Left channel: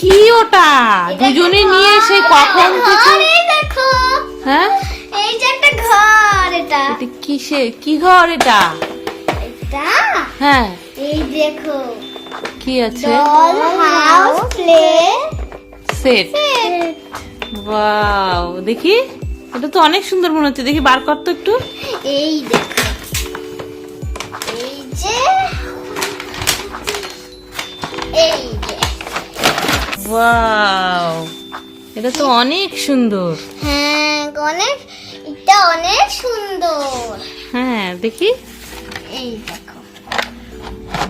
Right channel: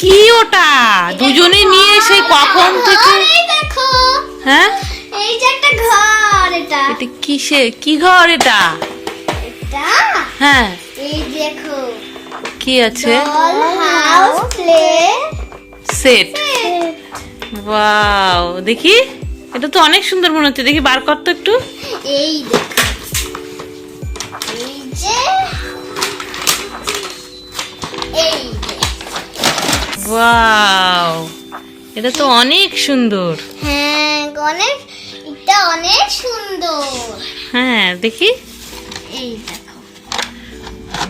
কি ওটা দুজনে নিয়ে সেই কখন থেকে? হ্যাঁ এই যে একটা ঘর, এটা এটা কিসে কি ঘর এটা? এটা হ্যাঁ এই দেখো কি আছে? Doll house play set. Wow দেখি, এটা তো অনেক সুন্দর মনে হচ্ছে। দেখি বার কর তো একটু। এই দেখো, এই যে এই যে ওয়াও এটা তো অনেক সুন্দর। হ্যাঁ অনেক, এটা অনেক সুন্দর। হ্যাঁ দেখি। এই দেখো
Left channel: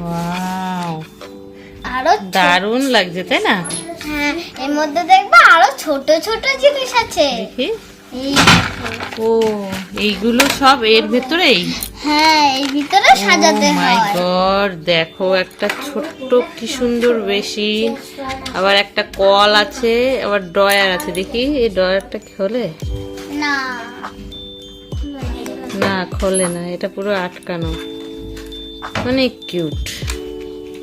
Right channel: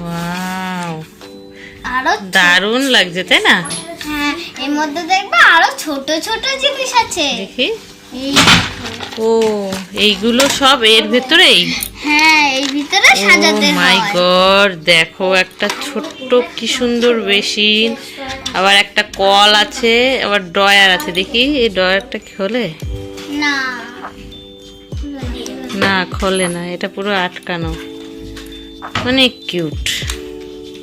ওয়াও আরো দারুণ লাগছে তাই না? হ্যাঁ এর মধ্যে দেখবে আরো ছোট ছোট জিনিস আছে। দেখি। এই দেখো, ও এইগুলো সব এর ভেতরেই? হ্যাঁ এই ভিতরে ও সাজাতে মাই হয়। গড, দেখো একটা ছোট্ট কি সুন্দর বেসিন, আবার একটা কল আছে, আবার ড্রয়ার আছে। দেখি এই ড্রয়ারটা খোলে? না না খোলে না, এটা পুরো আটকানো। অনেক কিউট,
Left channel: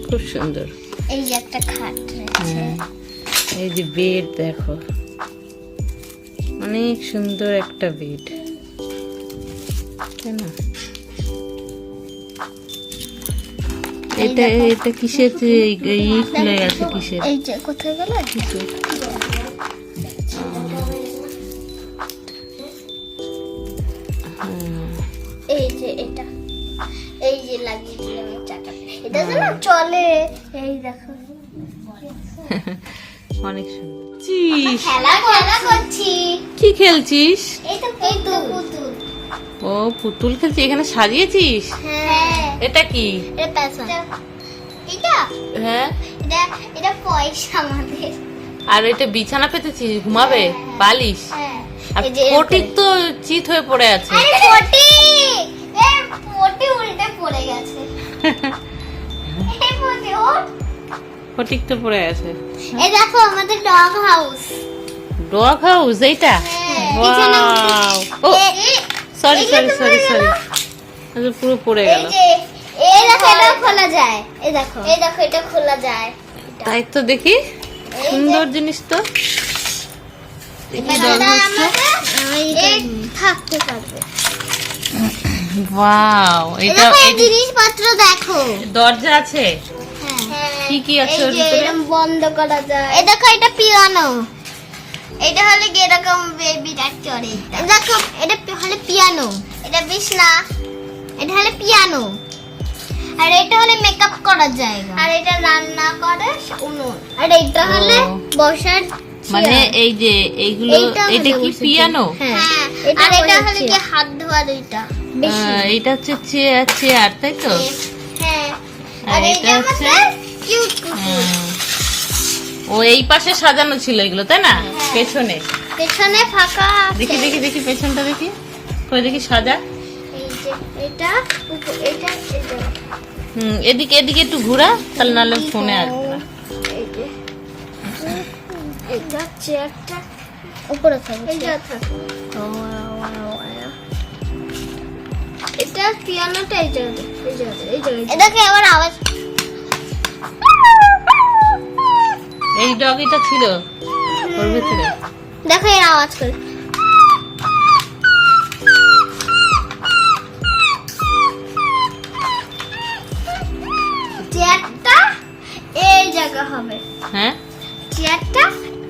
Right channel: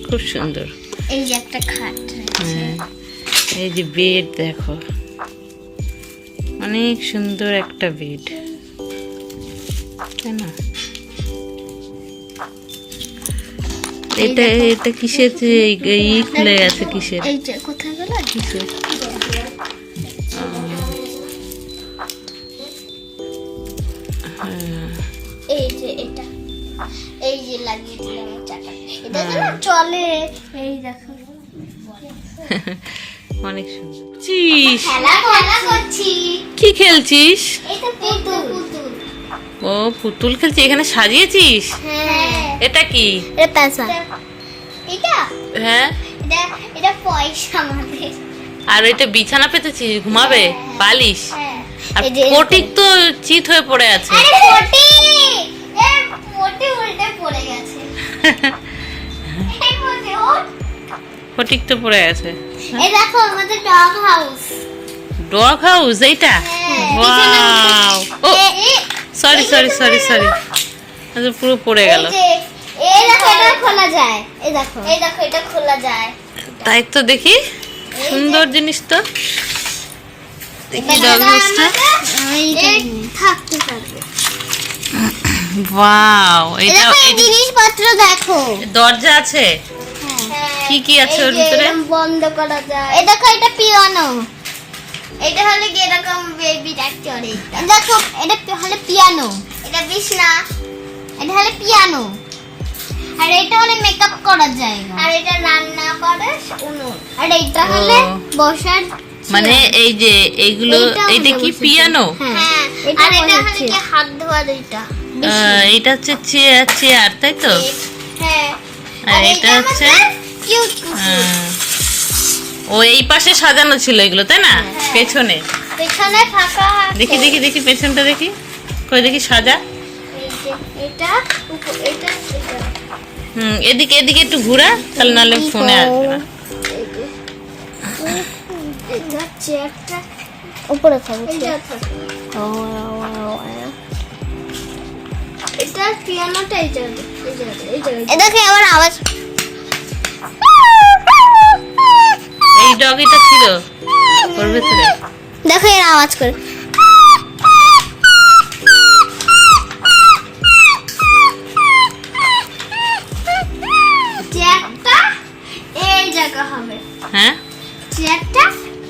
খুব সুন্দর। এই যে একটা খাট। হ্যাঁ এই যে বেড দেখো, অনেক সুন্দর একটা বেড তাই না? এটা এটা কিসের যে ই খুলে গেছে? কিসের? এই যে কোথায় গেল? কিসের? এই যে এটা, এই যে লাগিয়ে দিলাম চাকা, এটা যেন চলে। এই দেখো অনেক সুন্দর। চিস খেলা খেলা করছি। কি খেলছিস? এই তো পুতুল পুতুল। ও পুতুল খেলছিস, এখানে সাজিয়েছিস? হ্যাঁ এটা কি? এটা পয়সা। এটা হ্যাঁ এটা এটা পয়সা আমাদের। আর এটা বিছানা পেতেছিস ঘুমাবে? বালিশ? হ্যাঁ আর এই যে ফটিক তো চিত হয়ে পড়ে আছে। আরে পটি, এর পটি উল্টে পড়ে গেছে। এই পটি ওঠ। ফটিক তো পড়ে আছে। এই দেখো আমাদের ডগ হাউস। ডগ হাউস এইটা? Wow oh sorry sorry sorry sorry, আচ্ছা পুরো পড়ে গেল। এই দেখো এটা খোলা যায়। এই দেখো এটা খোলা যায়। তাই তো, দেখি সুন্দর জিনিস তো। দেখি ডগ হাউসটা। এই থাকতে পারবে। ওয়াও এটা এই জিনিসপত্র দেখো। দরজা আছে? কি কি আছে ওর ভিতরে? বন্ধ করা যায়। এই দেখো এটা পিয়ানো। এটা হলে কি এরকম বেবি চড়ে। দেখো এটা হলে পিয়ানো। এটা বিছনা। এটা হলে পিয়ানো। আর এটা হলে মেকআপ করার জায়গা। আর এটা রান্না করে উনুন। আর এটা হলে বসার, মানে এই যে এইগুলো, এটা কি পিয়ানো? হ্যাঁ আর এটা হলে কি হাত ধোয়া দুইটা। এটা হচ্ছে চেয়ার, চেয়ার তাই তো? হ্যাঁ আর এটা হচ্ছে কিউট ও এই পাশে সাজানো ছিল এগুলো তাই না? পেছনে পেছনে ফাঁকা আছে। দেখি দেখি দেখি পেছনটা দেখি, কই দেখি সাজা। এই যে এটা এটা এটা এদিকে এদিকে একটু ঘোরা, তাহলে নাহলে ফোনে আসবে না। এই যে এটা চেয়ারটা উপরে থাকবে। এটা থাকবে। এটা পিয়ানোটা এই জায়গায়, এই জায়গায়, এই জায়গায়। এটা কি আবার আওয়াজ? এই ডগিটা ছিল ওর ভেতরে। দেখো এর আওয়াজ করে। চেয়ারটা এই জায়গা হবে। হ্যাঁ চেয়ারটা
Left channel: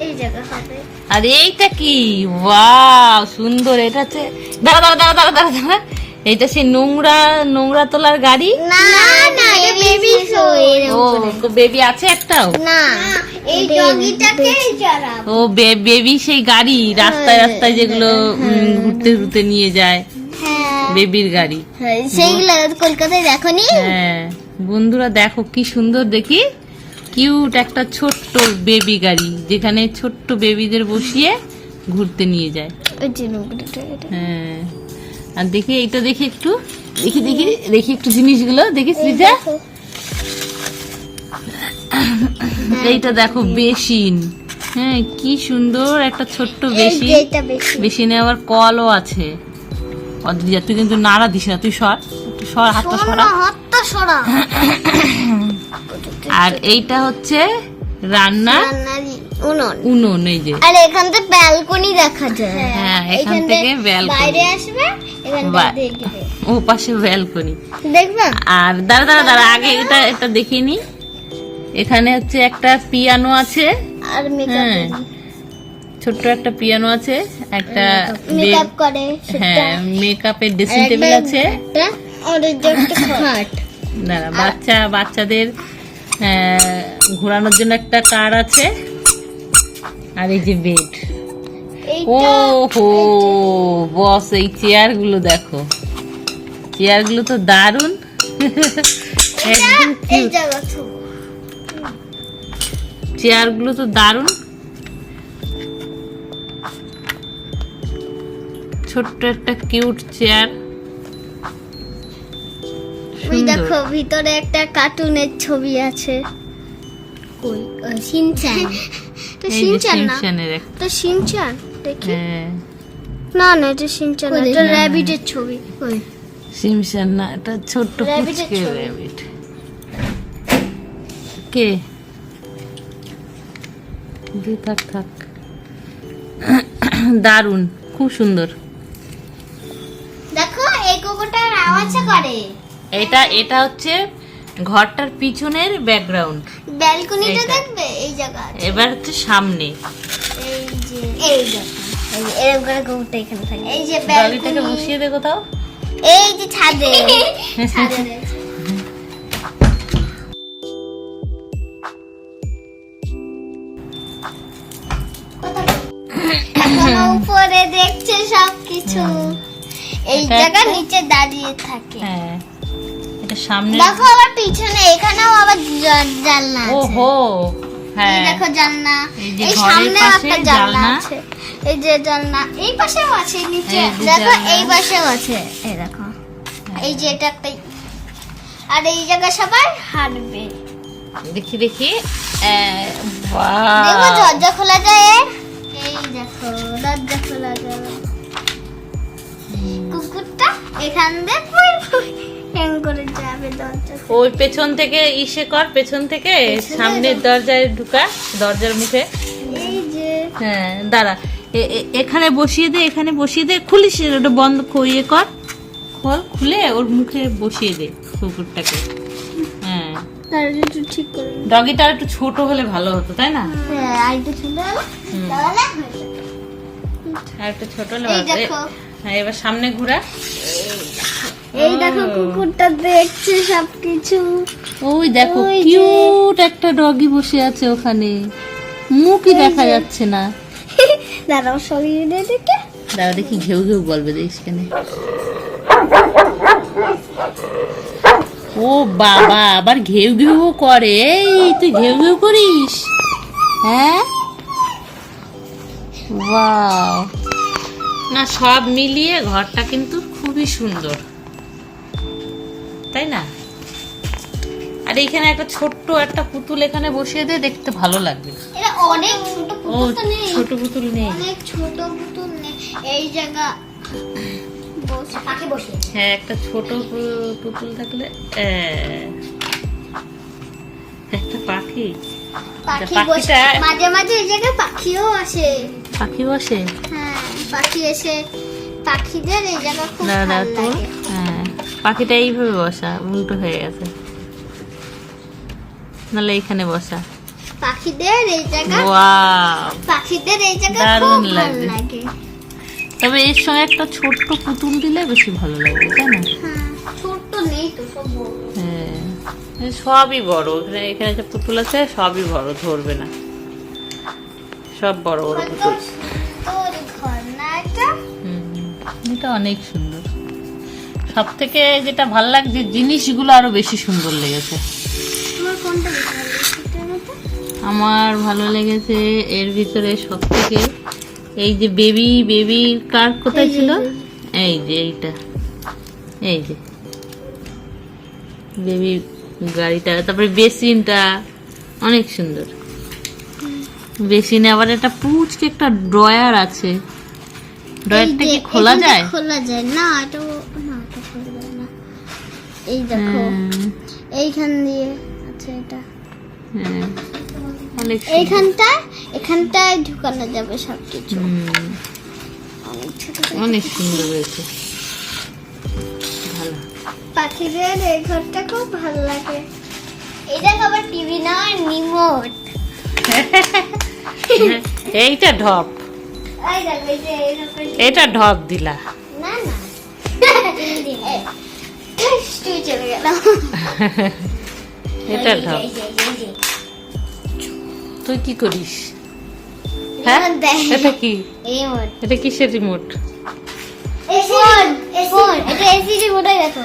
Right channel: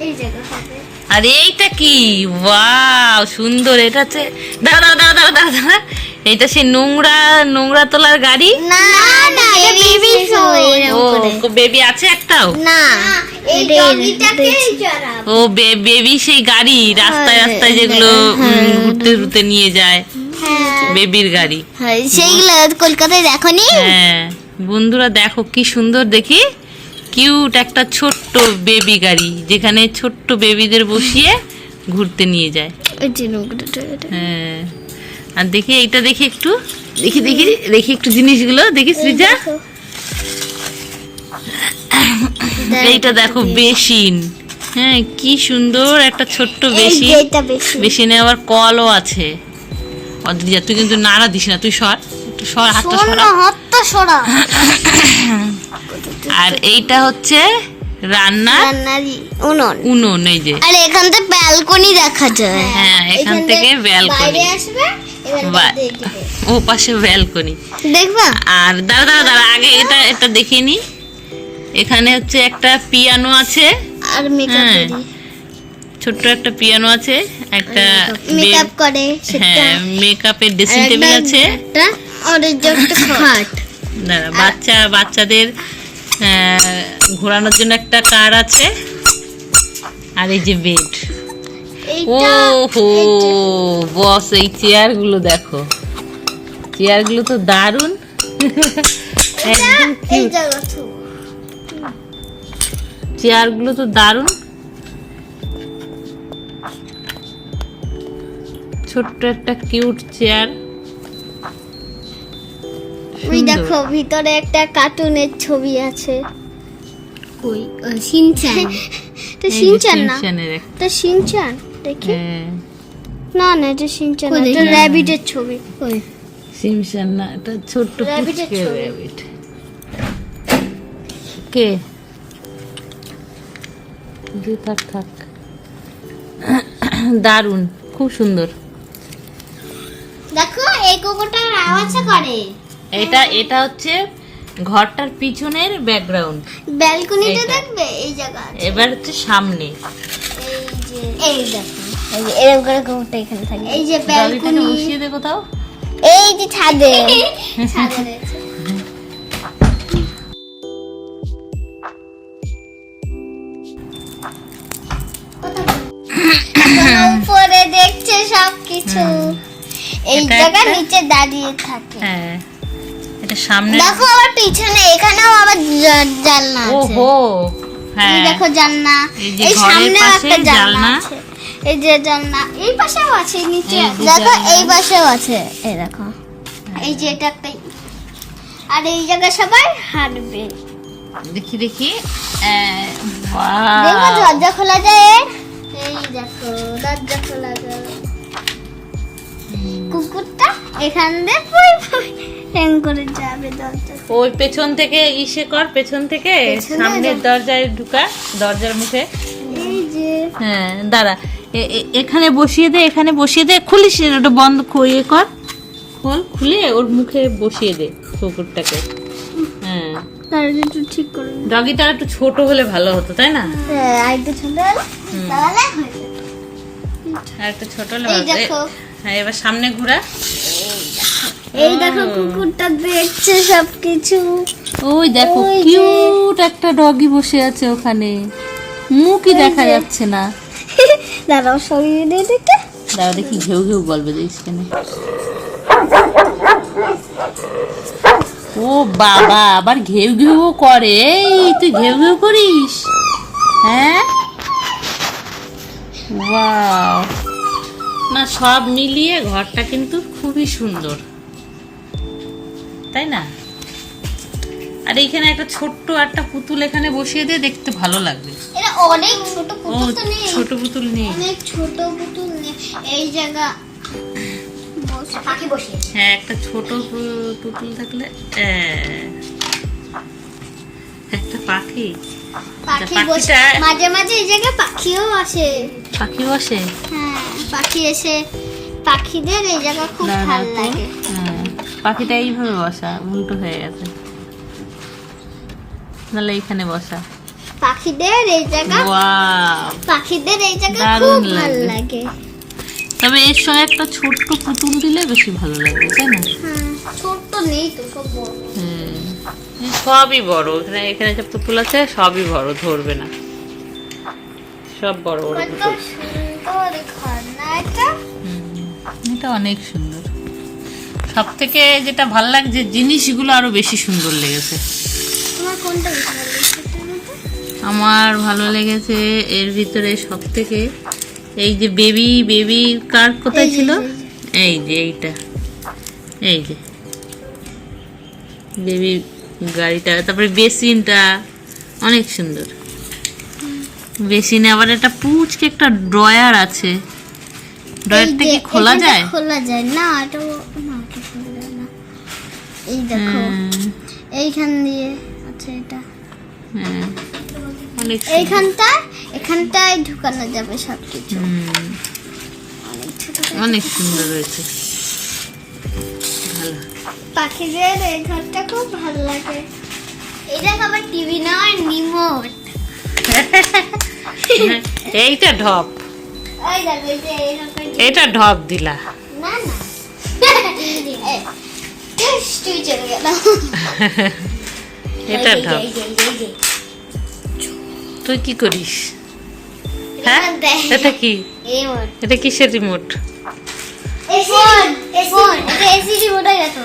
এই জায়গা হবে। আর এইটা কি? ওয়াও সুন্দর। এটা হচ্ছে, দাঁড়া দাঁড়া দাঁড়া দাঁড়া দাঁড়া দাঁড়া, এইটা সেই নোংরা নোংরা তোলার গাড়ি? না না এটা বেবি শো। ও বেবি আছে একটাও? না এই ডগিটাকে চড়াবো। ও বেবি সেই গাড়ি রাস্তায় রাস্তায় যেগুলো ঘুরতে ঘুরতে নিয়ে যায়, হ্যাঁ বেবির গাড়ি। সেইগুলো কলকাতায় দেখোনি? হ্যাঁ বন্ধুরা দেখো কি সুন্দর, দেখি কিউট একটা ছোট্ট বেবি গাড়ি, যেখানে ছোট্ট বেবিদের বসিয়ে ঘুরতে নিয়ে যায়। হ্যাঁ আর দেখি এইটা, দেখি একটু, দেখি দেখি দেখি একটু জিনিসগুলো দেখি সৃজা। এইটা দেখো বেসিন। হ্যাঁ কি সুন্দর একটা ছোট্ট বেসিন। বেসিনে আবার কলও আছে। অদ্রিজা তুই কিন্তু নাড়া দিস না, তুই সর, একটু সর, হাতটা সরা। হাতটা সরা। আর এইটা হচ্ছে রান্নার উনুন, এই যে। আর এখান থেকে ব্যালকনি দেখা যায়। হ্যাঁ, এখান থেকে ব্যালকনি বাইরে আসবে, ও পাশে ব্যালকনি দেখবা। আর দাঁড়া আগে এটা দেখিয়ে নি। এখানে হচ্ছে একটা পিয়ানো আছে, আর মেকআপ ছোট্ট একটা পিয়ানো আছে, একটা মেকআপ করে সেটা। হ্যাঁ, মেকআপের ড্রেসিং টেবিল আছে। আর এই যে একটা খাট। দাঁড়া, বাচ্চাদের ঘোরানোর জন্য একটা কার আছে। আর এই যে বেড। ও হো বস, এই চেয়ার গুলো দেখো, চেয়ার গুলো তো দারুন, একদম কিউট। চেয়ার গুলো তো দারুন, ছোট্ট একটা কিউট চেয়ার। ওই দেখো ভিতরে একটা কার্টুনের ছবি আছে। ওই শিনচান। তো শিনচান না, এটা শিনচান দেখি। না না, এটা শিনচান না, এটা র‍্যাবিটের ছবি। ওই শিনচান না, এটা ছোট্ট পুচকে র‍্যাবিট। কে যে থাক দারুন, খুব সুন্দর। দেখো এই কুকুরটার আওয়াজ করে। এটা হচ্ছে ঘরটার পিছনের ব্যাকগ্রাউন্ড। ব্যালকনিটা দেখবে এই জায়গা আছে। এবার হচ্ছে সামনে, এই দেখো, এই যে এরকম করে কুকুরটা এখানে থাকে। এই যে ব্যালকনিটাকে বসিয়ে দে কোথাও, এই যে ছাদে। ছাদে উপরে দেখছে সবকিছু, এই জায়গা নিচে দাঁড়িয়ে থাকে। হ্যাঁ, এটা সামনে দেখো, আর পিছনে এখানেও আবার জানলা আছে। ওহো, হ্যাঁ দেখো জানলা, এই সামনে একটা জানলা আছে। এই যে জানলা, এই পাশেও আছে, নিচে দেখো এই পাশেও আছে। এই দেখো, এই যে এটা একটা, আর এই জায়গা সবাই হাঁটবে। দেখি দেখো দরজা খোলা যায়। এই দেখো দরজা খোলা যায়। কুকুরটা এখান দিয়ে করে যাবে দরজা। ওই পেছন থেকে পেছন থেকে সামনের দরজায় ঢুকা, দরজার মুখে। এই যে হ্যাঁ, দাঁড়া, এখানে বসিয়ে দে, খুলিস, ওটা বন্ধ করিয়ে কর, খুলে ওর মুখে বসিয়ে দে কুকুরটাকে। হ্যাঁ, ঠিক করে। ডগিটা একটু ছোট হলে ভালো হতো, তাই না? হ্যাঁ, আর একটু ছোট আর একটু ছোট হলে ভালো হতো। হ্যাঁ, এবার সামনে ঘোরা। এই দেখো কুকুরটা দেখছে সবকিছু। ওই দেখো কিউট একটা ডগি বসে আছে ওখানে, মুখই দেখা যাচ্ছে না। দাঁড়াও সরিয়ে দে, দাঁড়া দেখি, ঘেউ বলবে, দেখিস কেন। ও বাবা, আবার ঘেউ করে। এই তুই ঘেউ করিস? হ্যাঁ, ওয়াও, না সব মিলিয়ে ঘরটা কিন্তু খুবই সুন্দর, তাই না? আর এইখানে একটা ছোট্ট একটা পুতুল এখানে বসিয়ে দিয়ে, দেখতে ভালো লাগবে। এটা অনেক ছোট পুতুল তো নেই, ছোট পুতুল নেই, অনেক ছোট পুতুল নেই। এই জায়গা পাখি বসিয়েছে। হ্যাঁ, একটা ছোট পুতুল থাকলে, একটা পাখি মাঝে মাঝে এই জায়গায় পাখিও আসে। পাখি বসে? হ্যাঁ, পাখি এসে পাখিদের এই জায়গা খুব ভালো লাগে। হ্যাঁ, পাখিটা এইভাবে বসা, উল্টো হয়ে গেছে, নাহলে এইখানে বসা। পাখিদের এই জায়গা, ওয়াও, পাখিদের এই জায়গা দারুণ খুব ভালো লাগে। তবে এর সঙ্গে একটা ছোট্ট পুতুল দিলে বেশি ভালো লাগবে, তাই না? ছোট্ট নেই তো, সব বড়। হ্যাঁ, সবই বড়। এখানে যে পুতুল আছে সবই বড়, ধরবে না, সব বড় বড় পুতুল। এটা অনেক সুন্দর। সব থেকে যেটা ভালো লাগছে, জিনিসগুলো আরো বেশি সুন্দর লেগেছে। আমার ভালো লেগেছে এর ভিতরে সব থেকে এই যে বেবি কার কোথায় ছিল, এই যে এইটা, এই যে বেবি গাড়িটা, তারপরে বেসিনটা অনেক সুন্দর। বেসিনে আবার একটা পুচকে একটা ড্রয়ার আছে, ড্রয়ারটা কি খোলা যায়? খোলা যায় না, এটা খোলা যায় না। এই দেখো এইখান দিয়ে আছে, এটা হ্যাঁ অনেক সুন্দর। এখানটায় ঢুকানো যাবে সবকিছু। অনেক সুন্দর হয়েছে, ভালো। পাখিদের এই ঘরটা খুব ভালো লাগে। এটা আবার টিভি নয়, রিমোট। এইটা ঢপ, ওই দেখো এই যে এরকম। এটা ঢপ দিলা। না না তুই চলে গেল। এটা ঢপ। তুই কি করিস? হ্যাঁ এটা কি? রিমোট। এটা কিসের রিমোট? AC phone. এটা এসি রিমোট হয়ে গেছে।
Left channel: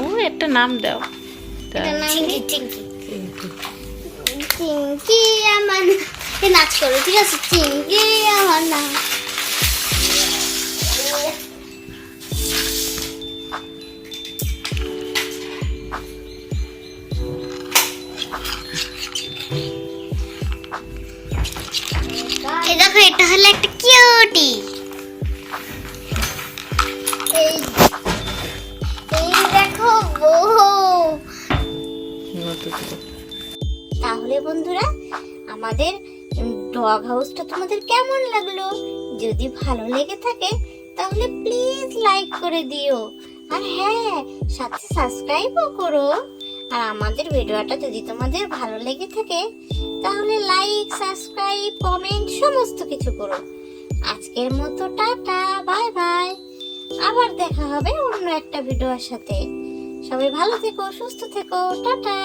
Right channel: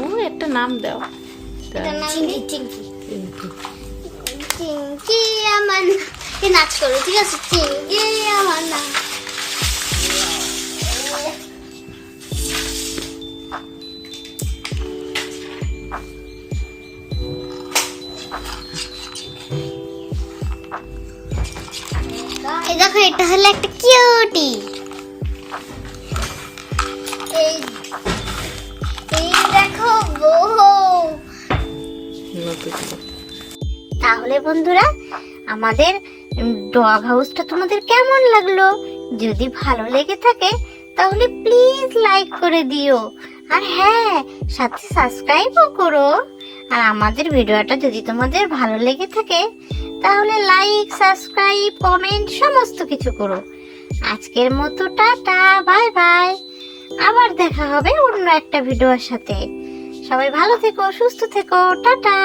ও একটা নাম দাও। চিঙ্কি চিঙ্কি চিঙ্কি আমার নাচ করো, ঠিক আছে? চিঙ্কি আমার নাম। এই দেখো, এটা হলো একটা কিউটি। এই দেখো বউ। তাহলে বন্ধুরা, আমাদের ডগ হাউসটা তোমাদের কেমন লাগলো? যদি ভালো লেগে থাকে তাহলে প্লিজ লাইক করে দিও, আর হ্যাঁ, সাথে সাবস্ক্রাইবও করো। আর আমাদের ভিডিওটা যদি তোমাদের ভালো লেগে থাকে তাহলে লাইক, সাবস্ক্রাইব, কমেন্ট সমস্ত কিছু করো। আজকের মতো টাটা, বাই বাই। আবার দেখা হবে অন্য একটা ভিডিওর সাথে। সবাই ভালো থেকো, সুস্থ থেকো, টাটা।